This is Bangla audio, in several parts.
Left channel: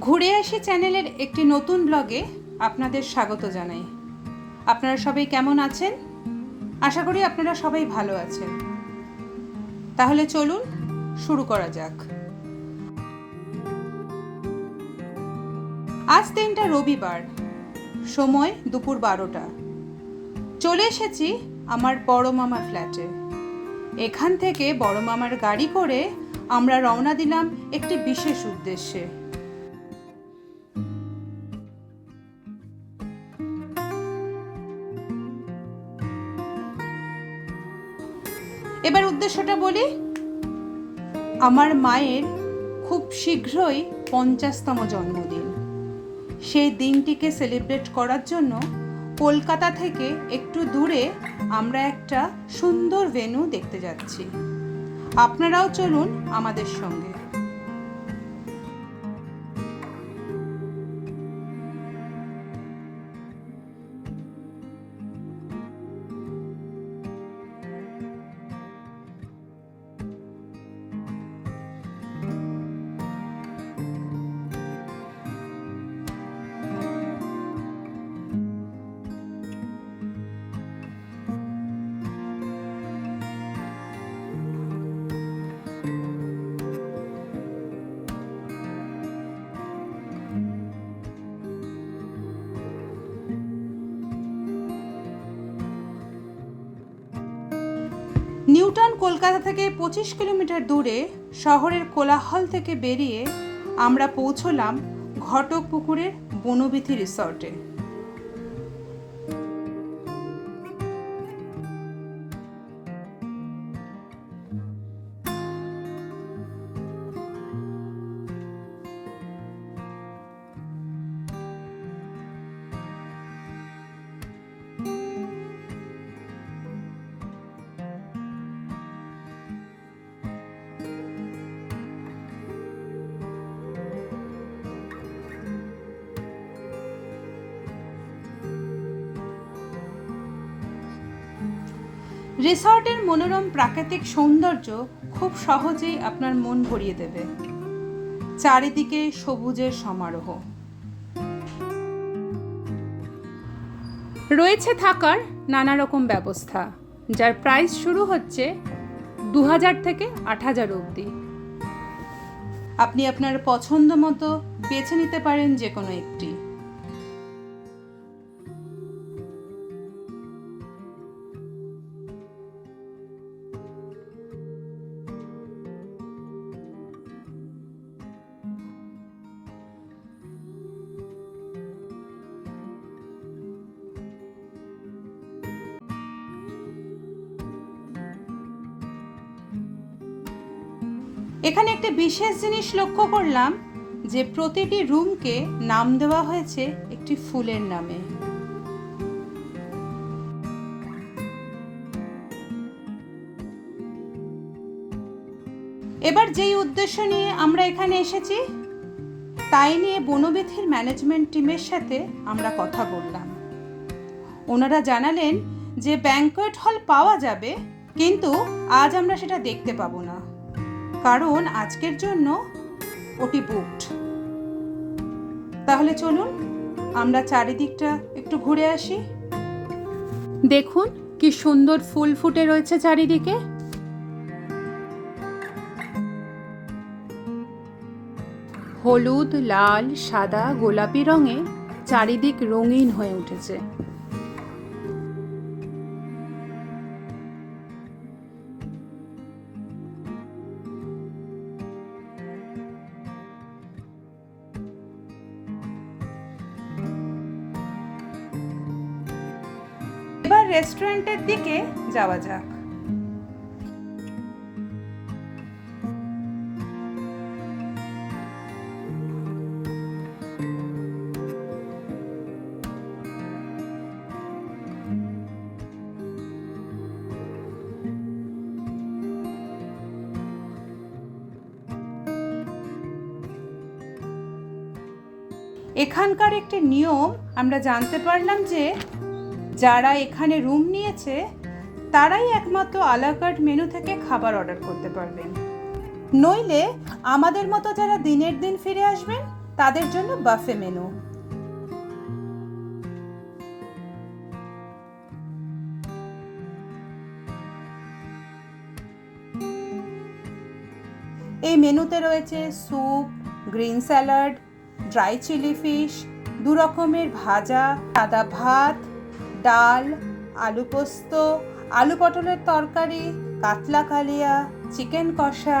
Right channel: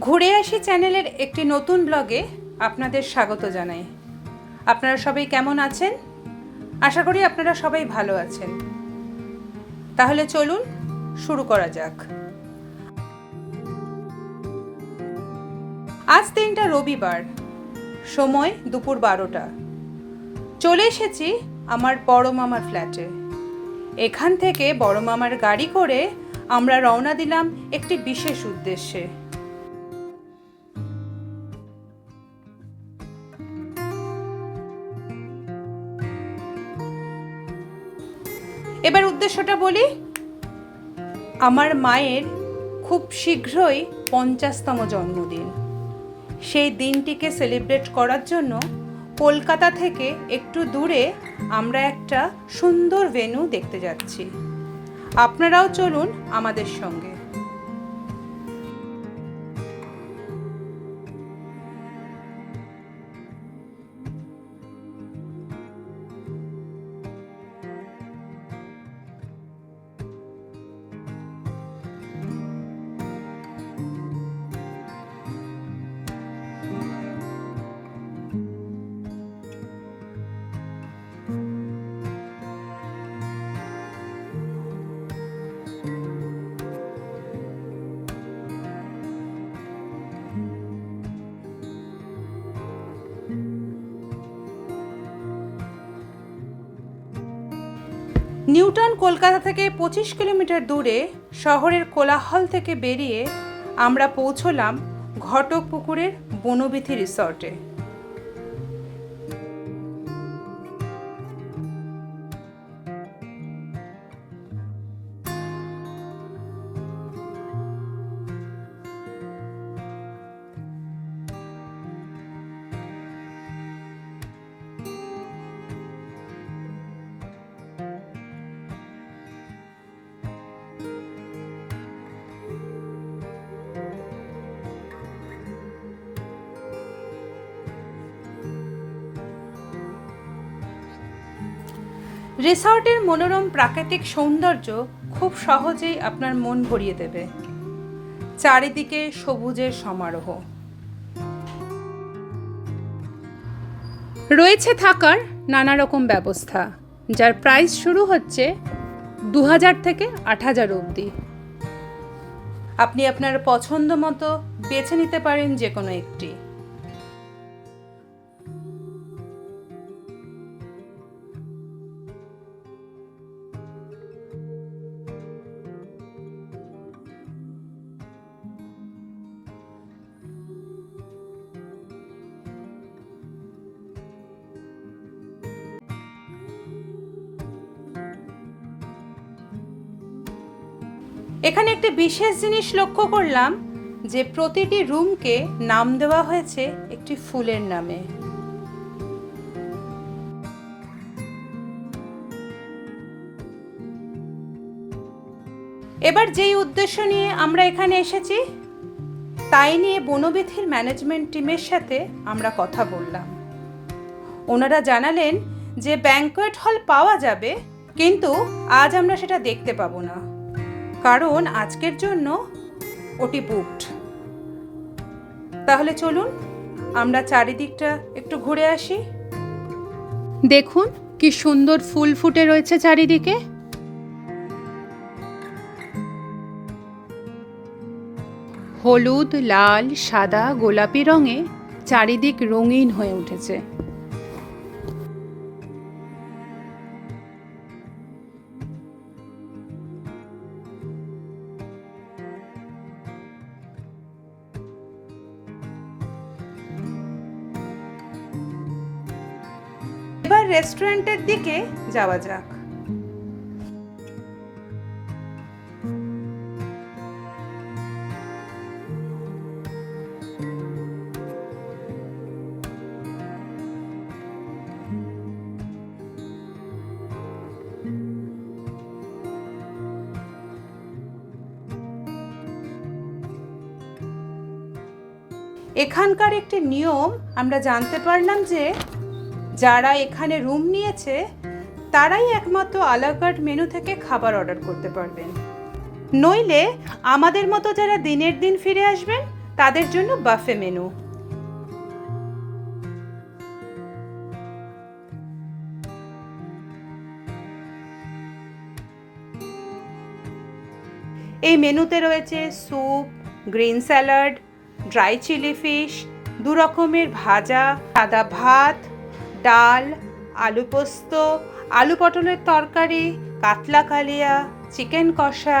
ঘুরে আসি চ্যানেলের একটি নতুন ব্লগে আপনাদের স্বাগত জানাই। আপনারা সবাই কেমন আছেন? আশা করি আপনারা সবাই ভালো আছেন। তাহলে চলুন শুরু করা যাক। আজ দিনটা রবিবার, সময় দুপুর 12টা। চলে এসেছি আমার বড় মামার ফ্ল্যাটে। এখান থেকে বড় মামার গাড়ি করে আমরা রওনা দিলাম একটি বিশেষ উদ্দেশ্যে। এবার উদ্দেশ্যটা বলি। আমার মায়ের খুব শীঘ্রই 50তম জন্মদিন। সেই দিনটিকে সেলিব্রেট করার জন্য কলকাতা থেকে একটু দূরে আমরা একটা সুন্দর ভেন্যু দেখতে যাচ্ছি। আপনারাও চলুন আমাদের সঙ্গে। নিউটাউন কলকাতা থেকে 25 কিলোমিটার দূরে শহরের কোলাহল থেকে বেরিয়ে আমরা পৌঁছলাম ঘটকপুকুরের বনবিথি রিসর্টে। রিসর্টের মনোরম প্রাকৃতিক সৌন্দর্য খুব সহজেই আপনার মন ভরিয়ে দেবে। চারিদিকে সবুজের সমারোহ। রয়েছে থাকার নানা রকম ব্যবস্থা, যার প্রাইস শুরু হচ্ছে 2000 থেকে 8000 অবধি। আপনি আপনার পছন্দ মতো বেছে নিতে পারেন যে কোনো একটি। এখানে একটি বিশেষ জিনিস লক্ষ্য করলাম যে প্রতিটি রুমকে নাম দেওয়া হয়েছে একটি ফুলের নামে। এবার যেই উদ্দেশ্য নিয়ে আমরা এখানে এসেছি তাই নিয়ে বনবিথির ম্যানেজমেন্ট টিমের সাথে আমরা কথা বললাম। ওনারা জানালেন যে ব্যাংকোয়েট হল পাওয়া যাবে, কিন্তু আজ আমরা সেটা দেখতে পাবো না, কারণ আজকের জন্য ওটি বুকড। তাহলে চলুন আমরা চারিদিকটা একটু ঘুরে আসি। দেখুন কি সুন্দর ফুল ফুটে রয়েছে চারিদিকে। হলুদ, লাল, সাদা, গোলাপি রঙে চারিদিক রঙিন হয়ে উঠেছে। এবার রেস্টুরেন্টের দিকে যাওয়া যাক। এখানকার একটি নিয়ম আমরা জানতে পারলাম যে যারা এখানে রুম নিয়েছে তারাই একমাত্র আলাকার্ট মেনু থেকে খাবার অর্ডার করতে পারবেন। নইলে আমাদের মতো যারা দিনের দিন ফিরে আসবেন তাদের জন্য বাফে মেনু। এই মেনুতে রয়েছে soup, green salad, dry chilli fish, 2 রকমের ভাজা, সাদা ভাত, ডাল, আলু পোস্ত, আলু পটলের তরকারি, কাতলা কালিয়া, চিকেন কষা,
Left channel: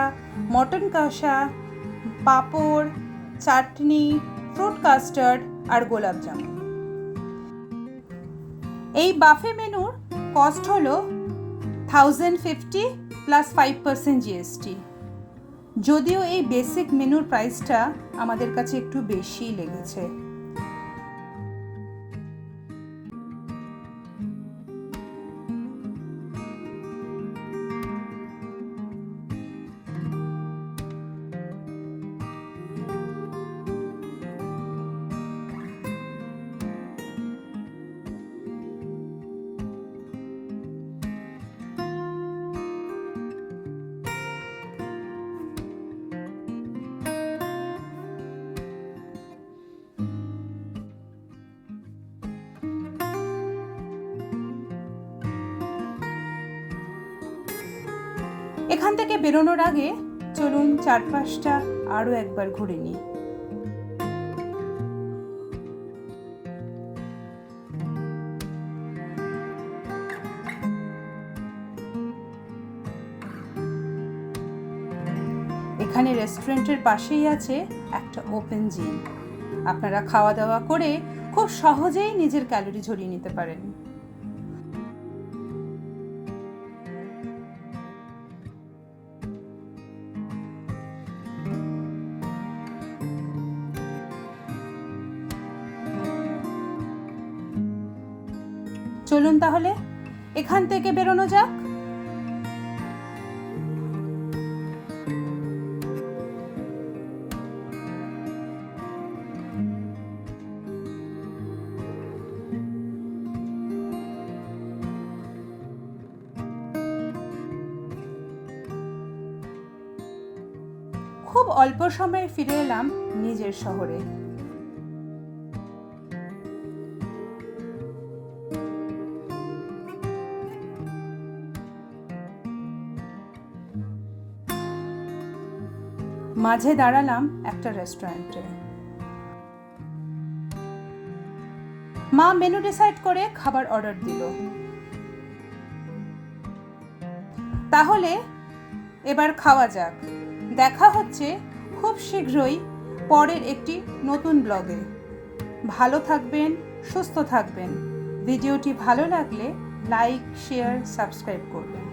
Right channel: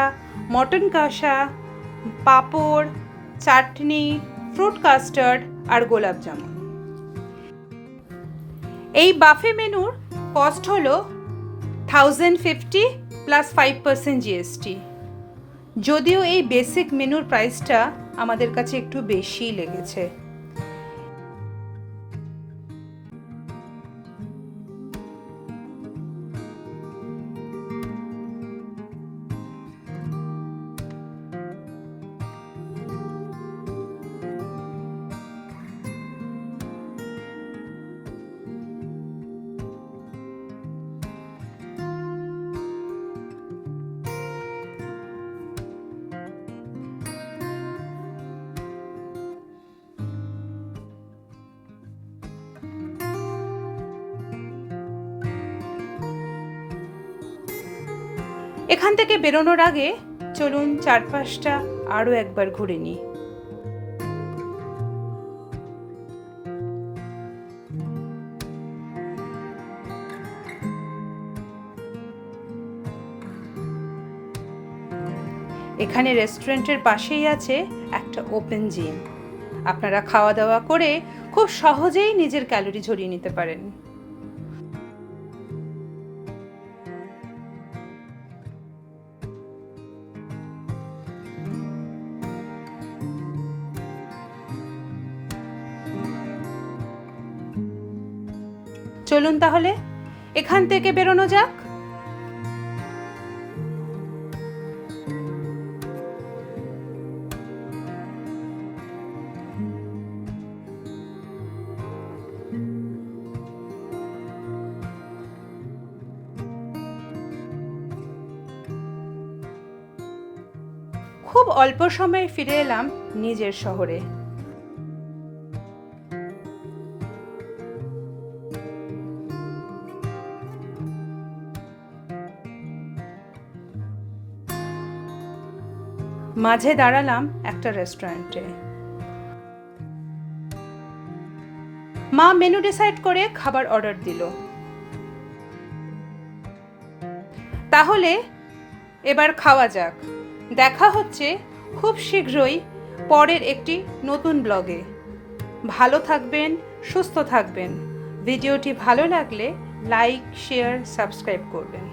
মটন কষা, পাঁপড়, চাটনি, ফ্রুট কাস্টার্ড আর গোলাপ জামুন। এই বাফে মেনুর কস্ট হলো 1050 প্লাস 5% জিএসটি। যদিও এই বেসিক মেনুর প্রাইসটা আমাদের কাছে একটু বেশি লেগেছে। এখান থেকে বেরোনোর আগে চলুন চারপাশটা আরো একবার ঘুরে নিই। এখানে রেস্টুরেন্টের পাশেই আছে একটা ওপেন জিম। আপনারা খাওয়া দাওয়া করে খুব সহজেই নিজের ক্যালোরি ঝরিয়ে নিতে পারেন। চলুন তাহলে এখান থেকে বেরোনো যাক। খুব অল্প সময়ে ফিরে এলাম নিজের শহরে। মাঝে দাঁড়ালাম একটা রেস্টুরেন্টে। মা মেনু ডিসাইড করে খাবার অর্ডার দিল। তাহলে এবার খাওয়া যাক। দেখা হচ্ছে খুব শীঘ্রই পরের একটি নতুন ব্লগে। ভালো থাকবেন, সুস্থ থাকবেন। ভিডিওটি ভালো লাগলে লাইক, শেয়ার, সাবস্ক্রাইব করবেন।